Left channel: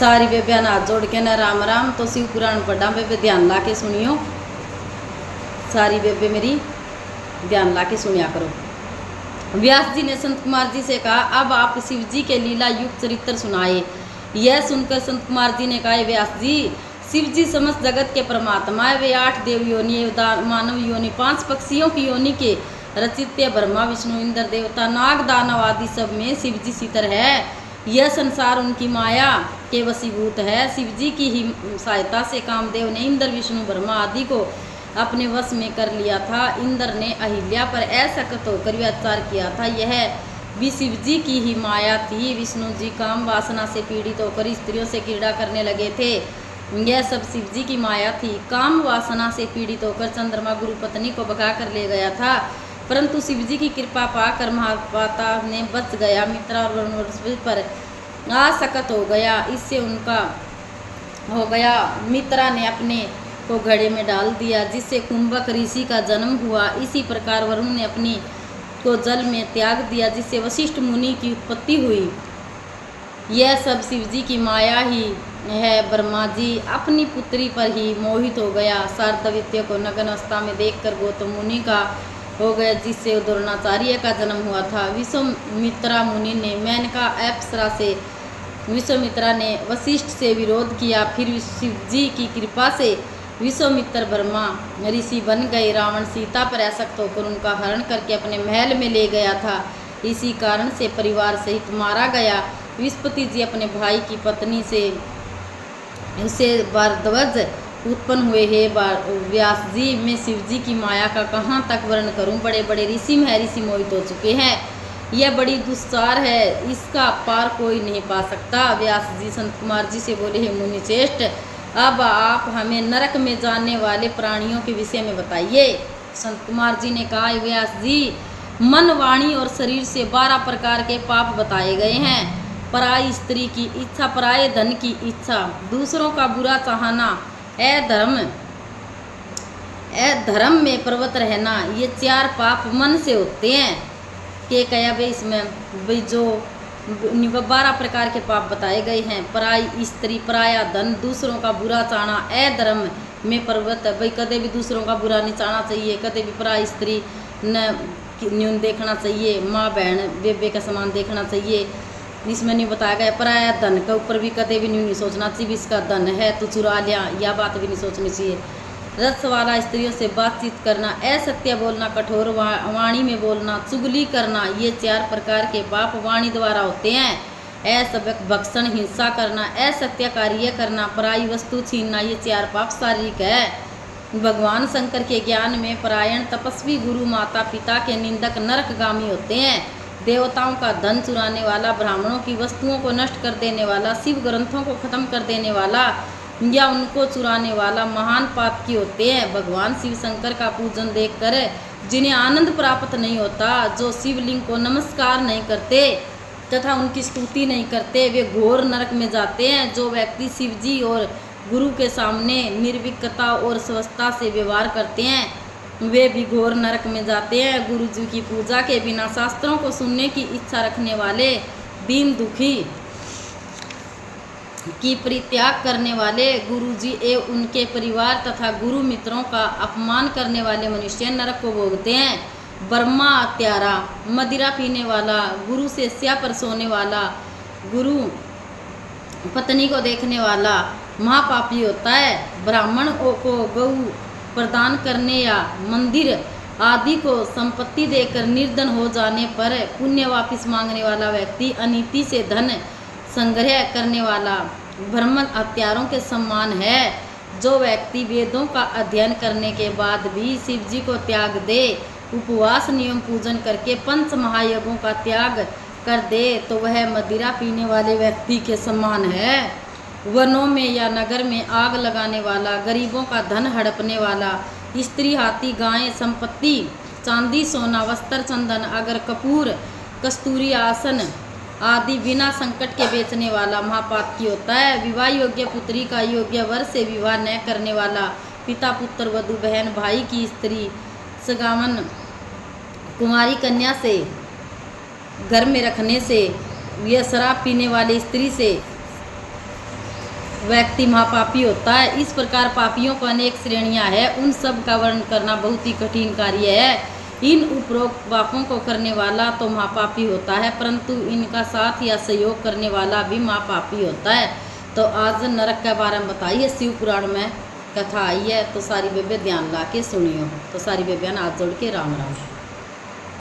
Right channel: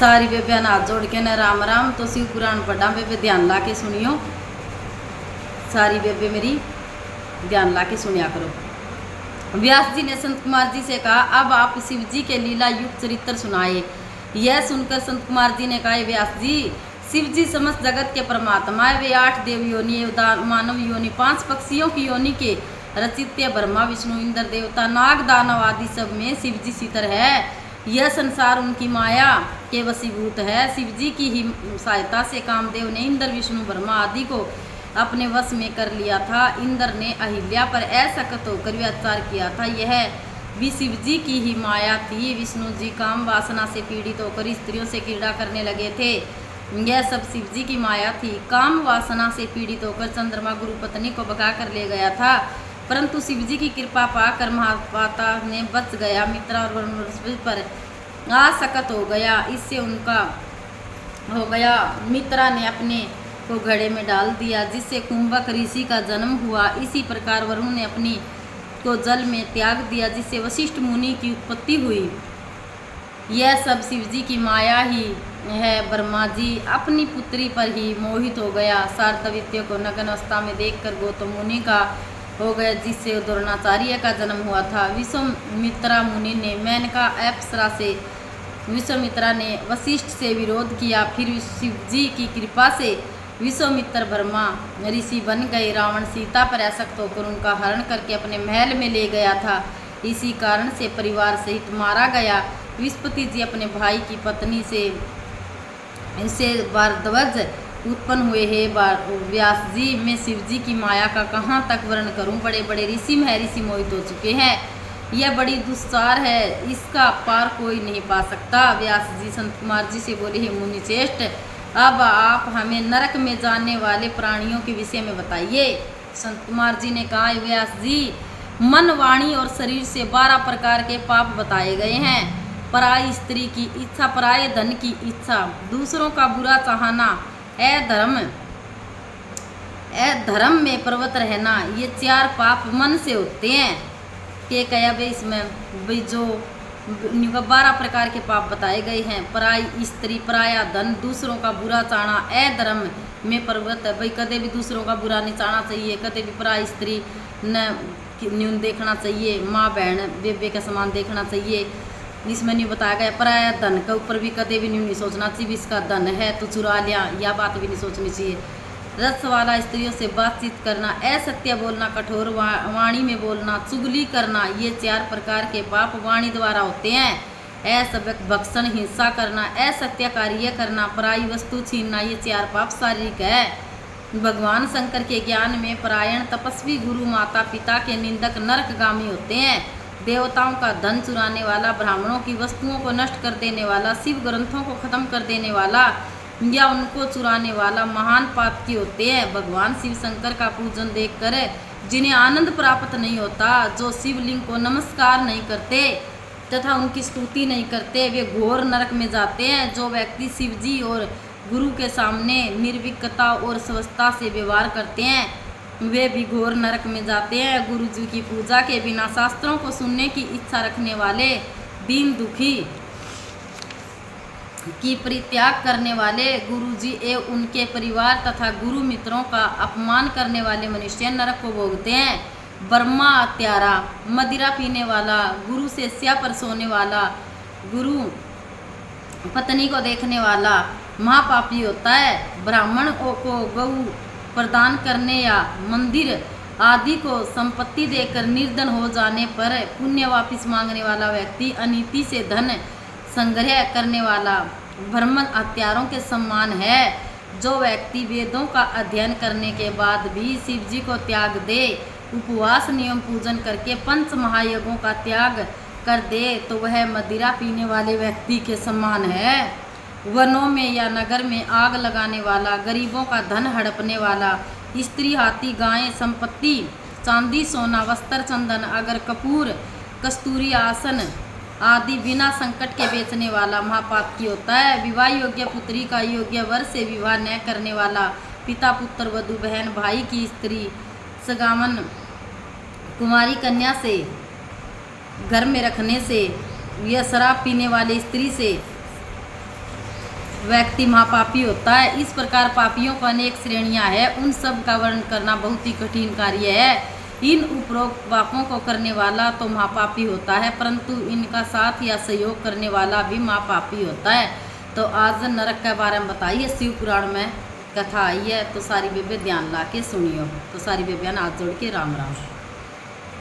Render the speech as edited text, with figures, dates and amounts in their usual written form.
सारी बेबे हाथ जोड़ के न राम राम। तो शिव पुराण पढ़ा बेबे, ध्यान ला के सुनियो। सारी बेबे मेरी ध्यान ला के सुनिया करो। व्यास जी ने संत कुमार जी से कहा, अब आप शिव जी के लीला युक्त चरित्र सुनाए। यह सुनकर संत कुमार जी ने कहा, व्यास जी, शिव जी समस्त जगत के परमात्मा है। वे 8 देव योनि, मानव योनि, 5 पक्षियों की योनि के रचित्य ब्रह्मा विष्णु इंद्र देवता नाग दानव आदि सब में शिव जी सीतर है। यह संसार उनकी माया के वशीभूत है। शिव जी की ही सहायता से कामदेव ने इंद्र विष्णु ब्रह्मा आदि को अपने वश में कर लिया था। इंद्र ने अहिल्या पर असक्त होकर अत्याचार किया था, यह भी शिव जी की ही माया थी। विष्णु जी काम वासना से पीड़ित होकर स्त्रियों से क्रीड़ा करने लगे थे, यह सब शिव जी की माया थी। काम वासना से पीड़ित होकर चंद्रमा गुरु पत्नी को भगा कर ले गया था, परंतु शिव जी की कृपा पाकर महापाता ने बच गया। मित्रा और वरुण पर आसक्त हो गया, इससे उनका हो गया। मित्रा ने अपने को घड़े में डाल दिया, जिससे कुंभक ऋषि का जन्म हुआ। इसी प्रकार वरुण ने अपनी को जल में त्याग दिया, जिससे वशिष्ठ मुनि की उत्पत्ति हुई। यह सब शिव जी की माया ही है। ब्रह्मा जी अपनी पुत्री पर ही मोहित हो गया। शारदवित्य को नग्न अवस्था में देखकर गौतम मुनि का हो गया, जिससे द्रोणाचार्य का जन्म हुआ था। विश्वामित्रा मुनि ने मेनका अप्सरा से, विश्वामित्रा ने वशिष्ठ से विरोध किया। फिर शिव जी की कृपा से विश्वामित्र ब्रह्मा ऋषि बन गए। रावण सीता पर आसक्त होकर उनका हरण करके अपने महल में ले गया था, इसी कारण से परिवार सहित मारा गया। विस्पति जी अपने भाई की पत्नी से इसे भारद्वाज उत्पन्न हुए हैं। व्यास जी, मैं शिव जी की माया का कहाँ तक वर्णन करूं। बड़े बड़े ऋषि महर्षि मोहित हो चुके हैं, यह बड़ी दुस्सार है, इसका पार कोई नहीं पा सकता। व्यास जी संत कुमार जी से बोले, हे मुनि श्रेष्ठ, अब आप हमें नरक में जाने वाले प्राणियों के विषय में बताइए। संत कुमार जी ने कहा, व्यास जी, मन, वाणी और शरीर से 12 प्रकार के पाप बताए गए हैं। पराई स्त्री की इच्छा, पराये धन की इच्छा, दूसरों का बुरा चाहना, अधर्म में प्रवृत्त रहना, ये 4 पाप मन से होते हैं। के कया भाई इसमें भाई जो 12 प्रकार के पाप बताए गए हैं। पराई स्त्री, पराया धन, दूसरों का बुरा चाहना, अधर्म में प्रवृत्त है। भाई कदे भी दूसरों का बुरा नहीं चाहना चाहिए, कदे भी पराई स्त्री न न्यून देखना चाहिए, माँ बहन बेबे का समान देखना चाहिए। इसमें नहीं बताया गया। पराया धन के ऊपर भी कदे भी नहीं सोचना चाहिए, इसका धन है तो चुरा लिया, यह बात भी नहीं सोचनी चाहिए। रस वाला स्त्रियों से बातचीत करना, असत्य बोलना, कठोर वाणी में बोलना, चुगली करना, ये 4 प्रकार के पाप वाणी द्वारा होते हैं। असभ्य भक्षण, हिंसा करना, असत्य कार्य करना, पराई वस्तु छीनना, ये 4 पाप शारीरिक है। भगवान शंकर के ज्ञान में परायण तपस्वी गुरु माता पिता के निंदक नरकगामी होते हैं। देवताओं का धन चुराने वाला, ब्राह्मणों की वस्तुओं को नष्ट कर देने वाला, शिव ग्रंथों को खत्म कर देने वाला या उनको चुराने वाला महान पाप की होते हैं। भगवान शिव शंकर का पूजन देखकर जिन्हें आनंद प्राप्त नहीं होता, जो शिवलिंग को नमस्कार नहीं करते तथा उनकी स्तुति नहीं करते, वे घोर नरक में जाते हैं। जो व्यक्ति शिव जी और गुरु के सामने निर्विकता और स्वस्थता से व्यवहार करते हैं, वे भी घोर नरक में जाते हैं। गुरु जी की पूजा के बिना शास्त्रों को सुनने की इच्छा रखने वाले, दीन दुखी की परित्याग करने वाले, गुरु जी एवं उनके परिवार तथा गुरु मित्रों का अपमान करने वाले मनुष्य नरक को भोगते हैं। ब्रह्मा हत्यारा, मदिरा पीने वाला, गुरु से स्या पर सोने वाला, गुरु पत्नी को देखने वाला महापापी होता है। ब्राह्मण को गौ प्रदान करने या मंदिर आदि को संपत्ति देकर निर्धन हो जाने पर पुण्य वापिस मांगने वाला व्यक्ति, अनीति से धन संग्रह करने वाला, ब्राह्मण हत्यारों के समान है। जो व्यक्ति वेदों का अध्ययन करने के बाद भी शिव जी को त्याग दे, उपवास नियम पूजन करके 5 महायज्ञों का त्याग कर दे, तो वह मदिरा पीने वाले व्यक्ति के समान है। वनों में या नगर में आग लगाने वाला, गरीबों का धन हड़पने वाला, स्त्री, हाथी, गाय, संपत्ति, चांदी, सोना, वस्त्र, चंदन, अगर, कपूर, कस्तूरी, आसन आदि बिना संकट के बेचने वाला महापातकी होता है। विवाह योग्य पुत्री का योग्य वर से विवाह न करने वाला, पिता, पुत्र, वधु, बहन, भाई की स्त्री, सगावन कुमारी कन्या से घर में रखने से, यह शराब पीने वाली स्त्री से, व्यक्ति महापापी होता है। इस प्रकार पापियों को अनेक श्रेणियां हैं, उन सब का वर्णन करना बहुत ही कठिन कार्य है। इन उपरोक्त पापों को करने वाला तो महापापी होता है, परंतु इनका साथ या सहयोग करने वाला भी महापापी होता है। तो आज नरक के बारे में बताइए, शिव पुराण में कथा आई है, तो सारी बेबे ध्यान ला के सुनियो। तो सारी बेबियान हाथ जोड़ के राम राम।